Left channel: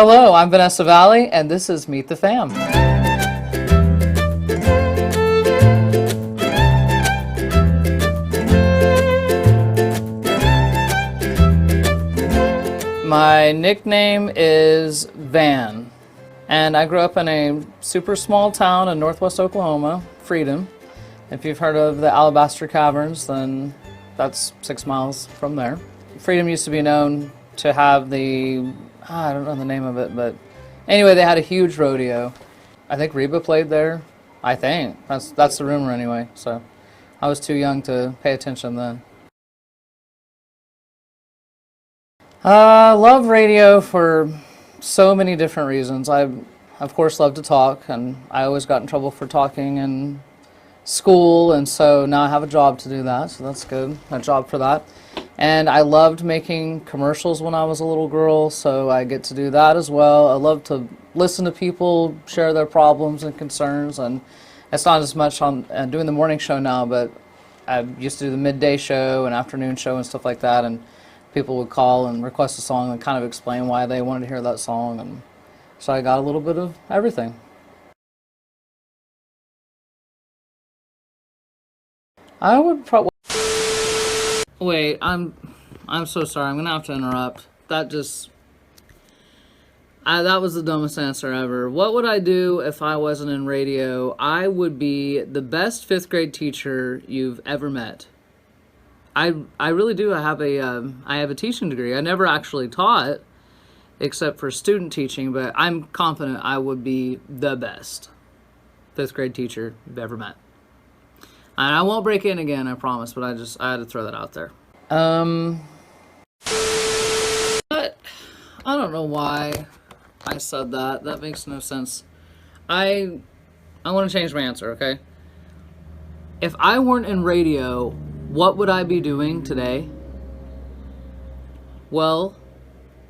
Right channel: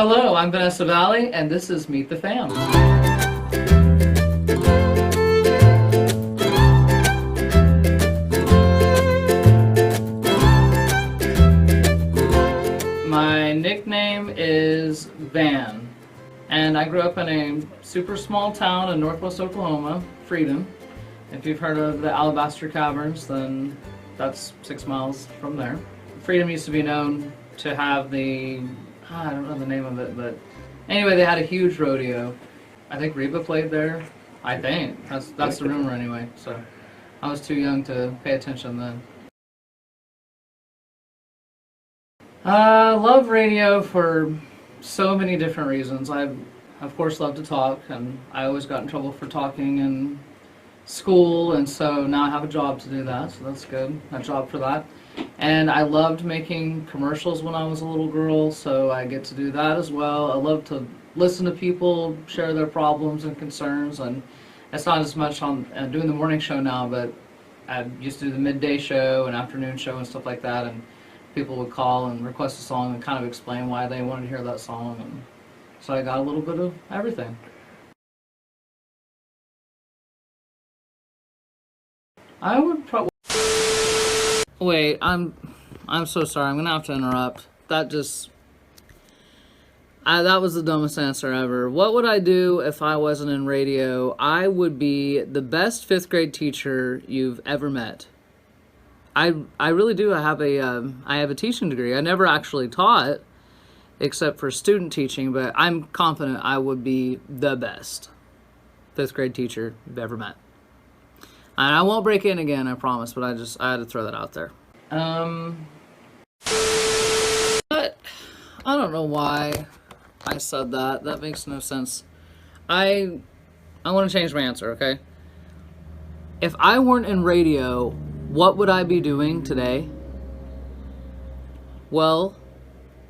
Hello, I'm Vanessa Valley, and this is Meet the Fam. My nickname is Van, and I grew up in a super small town in northwest Oklahoma, Freedom. If you've heard of the Alabaster Caverns, then that's 6 miles from there. Freedom used to be known to have I don't know the name of it, but anyway, they had a huge rodeo. I think Reba played there. I think. That's the rumor anyway, so I was too young to pay attention then. Love radio for so many different reasons. I, of course, love to talk, and I always got in trouble for talking in school, and so now I have a job to do that, so that's good. A job for that. And I loved making commercials when I was a little girl, so I get to do that as well. I love to listen to people share their problems and concerns, and it's not as much on doing the morning show now, but I used to do the midday show and afternoon show and stuff like that, and people would call and request a song and kind of explain why they wanted to hear that song, and so I got a little bit of everything. I would probably wait. I'm so sorry. I'm gonna have to interrupt. That was the dumbest answer ever. What would I do if I wasn't in radio? I would be the best fifth grade teacher you've ever met. I really do. I have a teaching degree. I never actually taught except for student teaching, but I'm confident I would be the best fifth grade teacher you've ever met. And I won't break in again, I promise, but I had to throw that out there. But I don't know why I said that. That makes no sense. I want to change my answer, okay? If I weren't in radio, what would I be doing today? Well,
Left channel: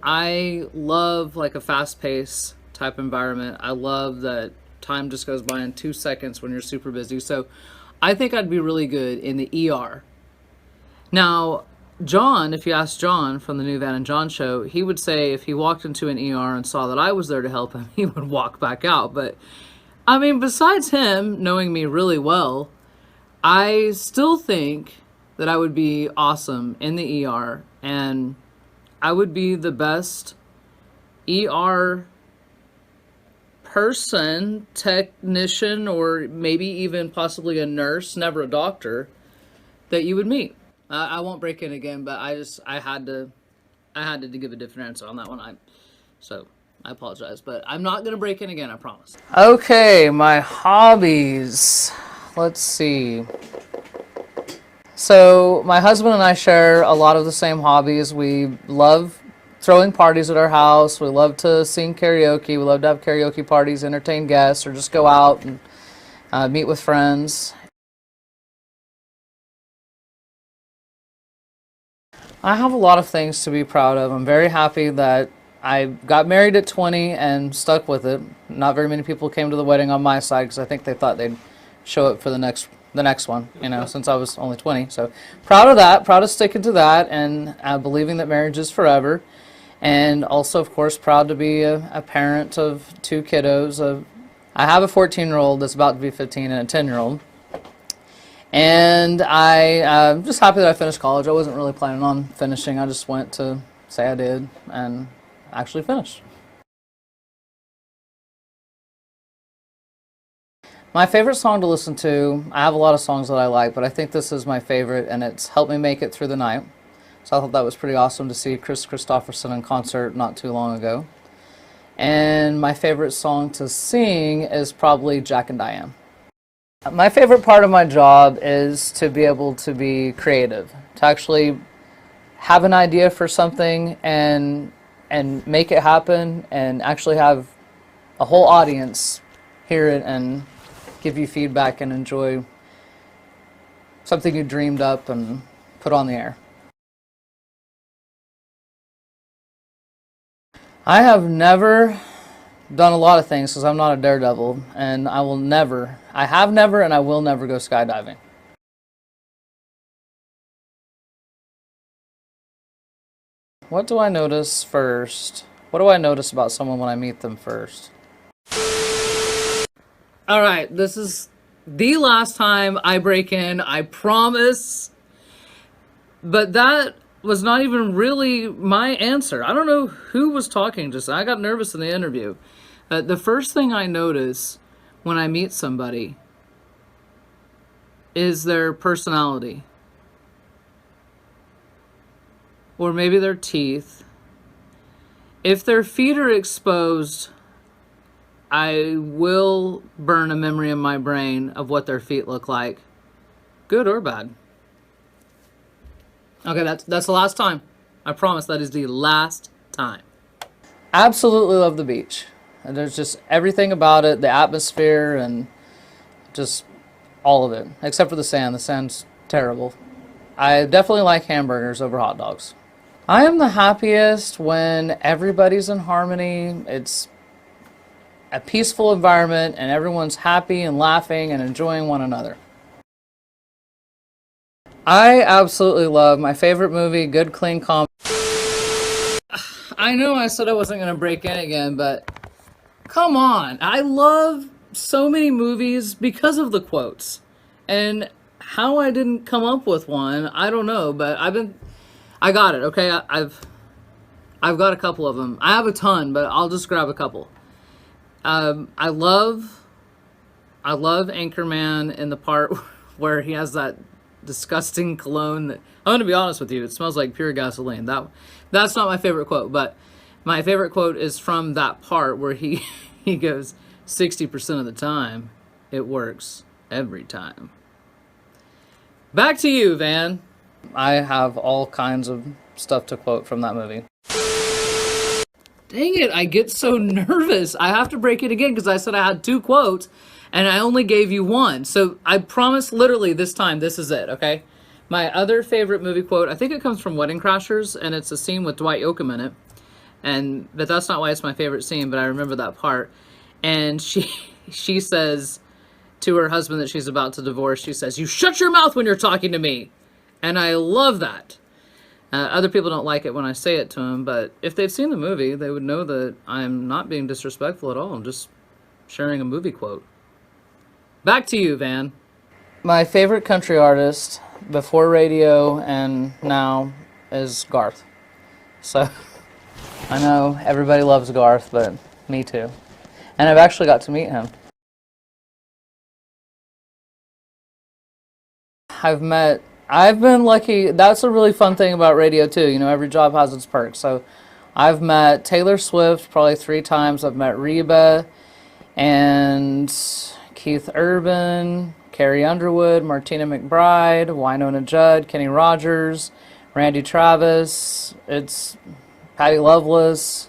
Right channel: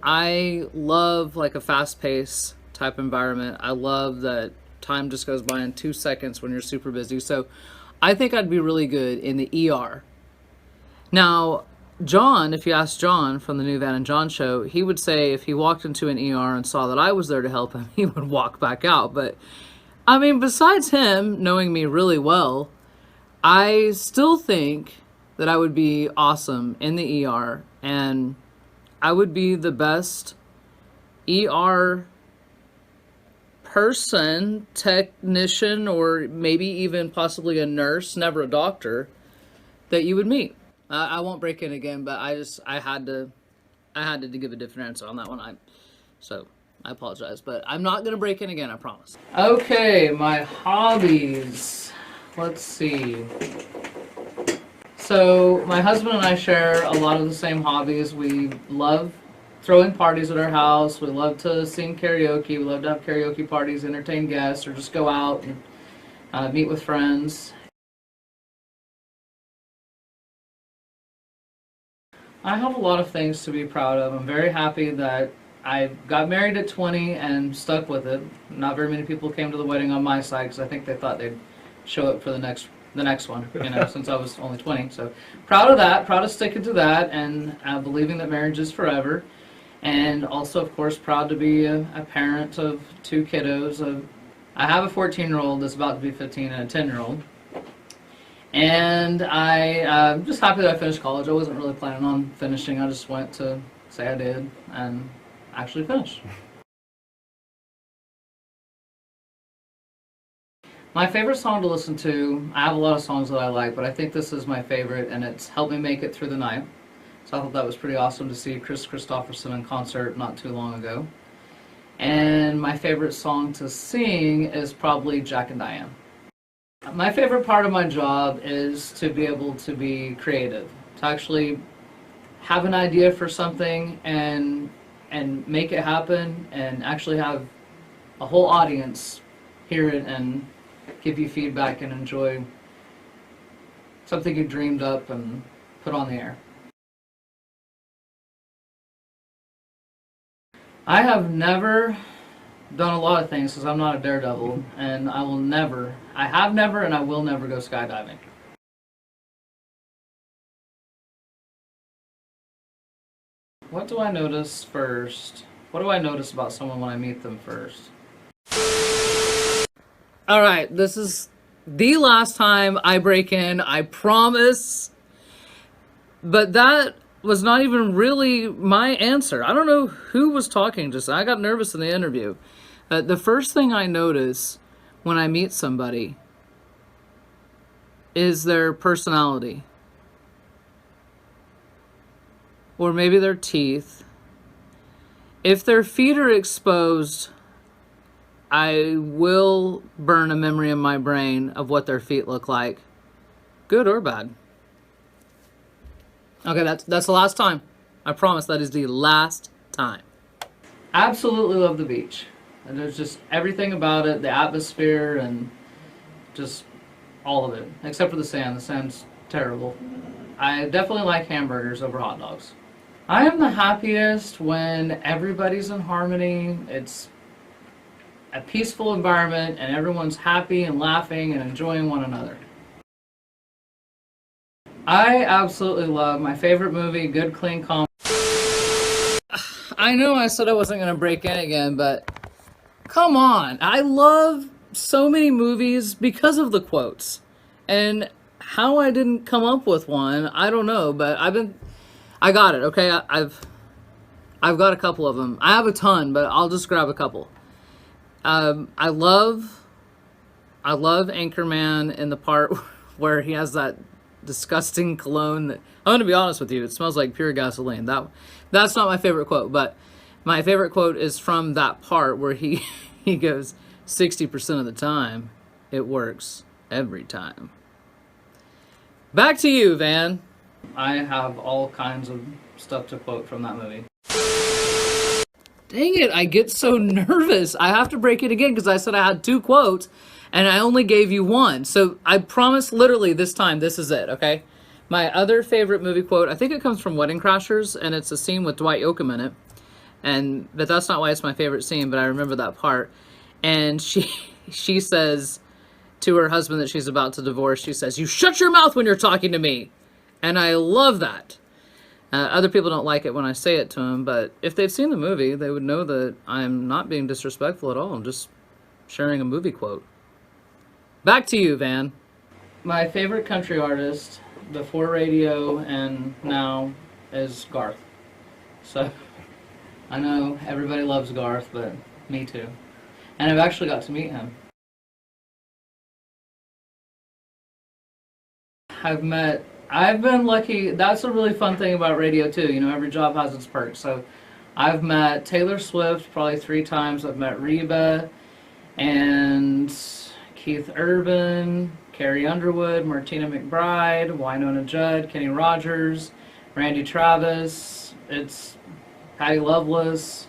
I love like a fast-paced type environment. I love that time just goes by in 2 seconds when you're super busy. So I think I'd be really good in the ER. Now, John, if you ask John from the new Van and John show, he would say if he walked into an ER and saw that I was there to help him, he would walk back out. But I mean, besides him knowing me really well, I still think that I would be awesome in the ER, and I would be the best ER person, technician, or maybe even possibly a nurse, never a doctor, that you would meet. I won't break in again, but I had to give a different answer on that one. So I apologize, but I'm not gonna break in again, I promise. Okay, my hobbies. Let's see. So my husband and I share a lot of the same hobbies. We love throwing parties at our house. We love to sing karaoke. We love to have karaoke parties, entertain guests, or just go out and meet with friends. I have a lot of things to be proud of. I'm very happy that I got married at 20 and stuck with it. Not very many people came to the wedding on my side because I think they thought they'd show up for the next one, since I was only 20. So proud of that, proud of sticking to that, and believing that marriage is forever. And also, of course, proud to be a parent of 2 kiddos. I have a 14-year-old that's about to be 15 and a 10-year-old. And I'm just happy that I finished college. I wasn't really planning on finishing. I just went to say I did and actually finished. My favorite song to listen to, I have a lot of songs that I like, but I think this is my favorite, and it's helped me make it through the night. So I thought that was pretty awesome to see Chris Christopherson in concert not too long ago. And my favorite song to sing is probably Jack and Diane. My favorite part of my job is to be able to be creative, to actually have an idea for something and make it happen, and actually have a whole audience hear it and give you feedback and enjoy something you dreamed up and put on the air. I have never done a lot of things because I'm not a daredevil, and I have never and I will never go skydiving. What do I notice first? What do I notice about someone when I meet them first? All right, this is the last time I break in, I promise. But that was not even really my answer. I don't know who was talking just. I got nervous in the interview. The first thing I notice when I meet somebody is their personality. Or maybe their teeth. If their feet are exposed, I will burn a memory in my brain of what their feet look like, good or bad. Okay, that's the last time. I promise that is the last time. Absolutely love the beach. And there's just everything about it, the atmosphere, and just all of it, except for the sand. The sand's terrible. I definitely like hamburgers over hot dogs. I am the happiest when everybody's in harmony. It's a peaceful environment and everyone's happy and laughing and enjoying one another. I absolutely love my favorite movie, good clean comedy. I know I said I wasn't going to break in again, but come on. I love so many movies because of the quotes. And how I didn't come up with one, I don't know, but I got it, okay? I've got a couple of them. I have a ton, but I'll just grab a couple. I love Anchorman in the part where he has that disgusting cologne that, I'm going to be honest with you, it smells like pure gasoline. That's not my favorite quote, but my favorite quote is from that part where he goes, 60% of the time, it works every time. Back to you, Van. I have all kinds of stuff to quote from that movie. Dang it, I get so nervous. I have to break it again because I said I had 2 quotes and I only gave you 1. So I promise literally this time, this is it, okay? My other favorite movie quote, I think it comes from Wedding Crashers, and it's a scene with Dwight Yoakam in it. But that's not why it's my favorite scene, but I remember that part. And she says to her husband that she's about to divorce, she says, "You shut your mouth when you're talking to me." And I love that. Other people don't like it when I say it to them, but if they've seen the movie, they would know that I'm not being disrespectful at all. I'm just sharing a movie quote. Back to you, Van. My favorite country artist before radio and now is Garth. So I know everybody loves Garth, but me too. And I've actually got to meet him. I've been lucky. That's a really fun thing about radio too. You know, every job has its perks. So I've met Taylor Swift probably 3 times. I've met Reba and Keith Urban, Carrie Underwood, Martina McBride, Wynonna Judd, Kenny Rogers, Randy Travis. It's Patty Loveless.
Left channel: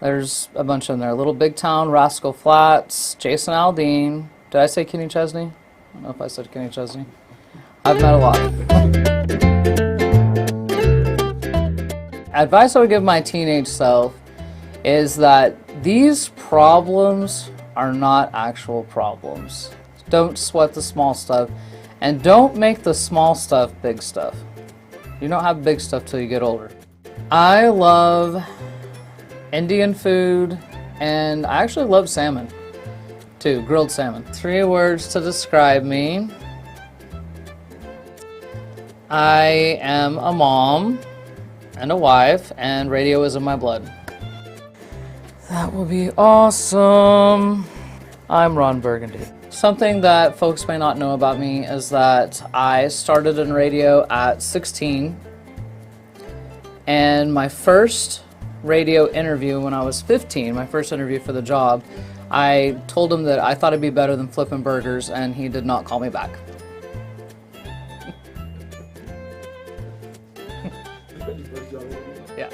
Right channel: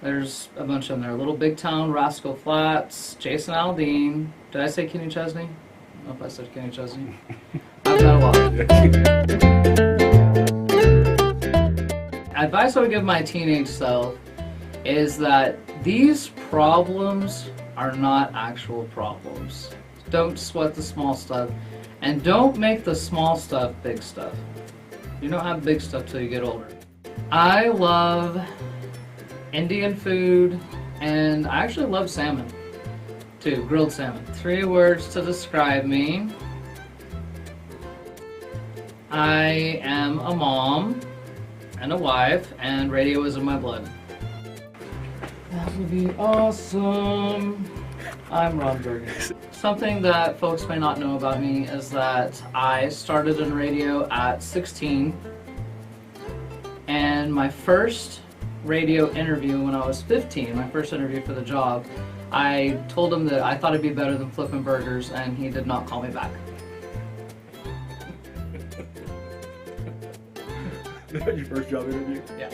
There's a bunch in there. Little Big Town, Rascal Flatts, Jason Aldean. Did I say Kenny Chesney? I don't know if I said Kenny Chesney. I've met a lot. Advice I would give my teenage self is that these problems are not actual problems. Don't sweat the small stuff, and don't make the small stuff big stuff. You don't have big stuff till you get older. I love Indian food, and I actually love salmon too, grilled salmon. 3 words to describe me. I am a mom and a wife, and radio is in my blood. That will be awesome. I'm Ron Burgundy. Something that folks may not know about me is that I started in radio at 16, and my first radio interview when I was 15, my first interview for the job, I told him that I thought it'd be better than flipping burgers, and he did not call me back. Your first job interview? Yeah.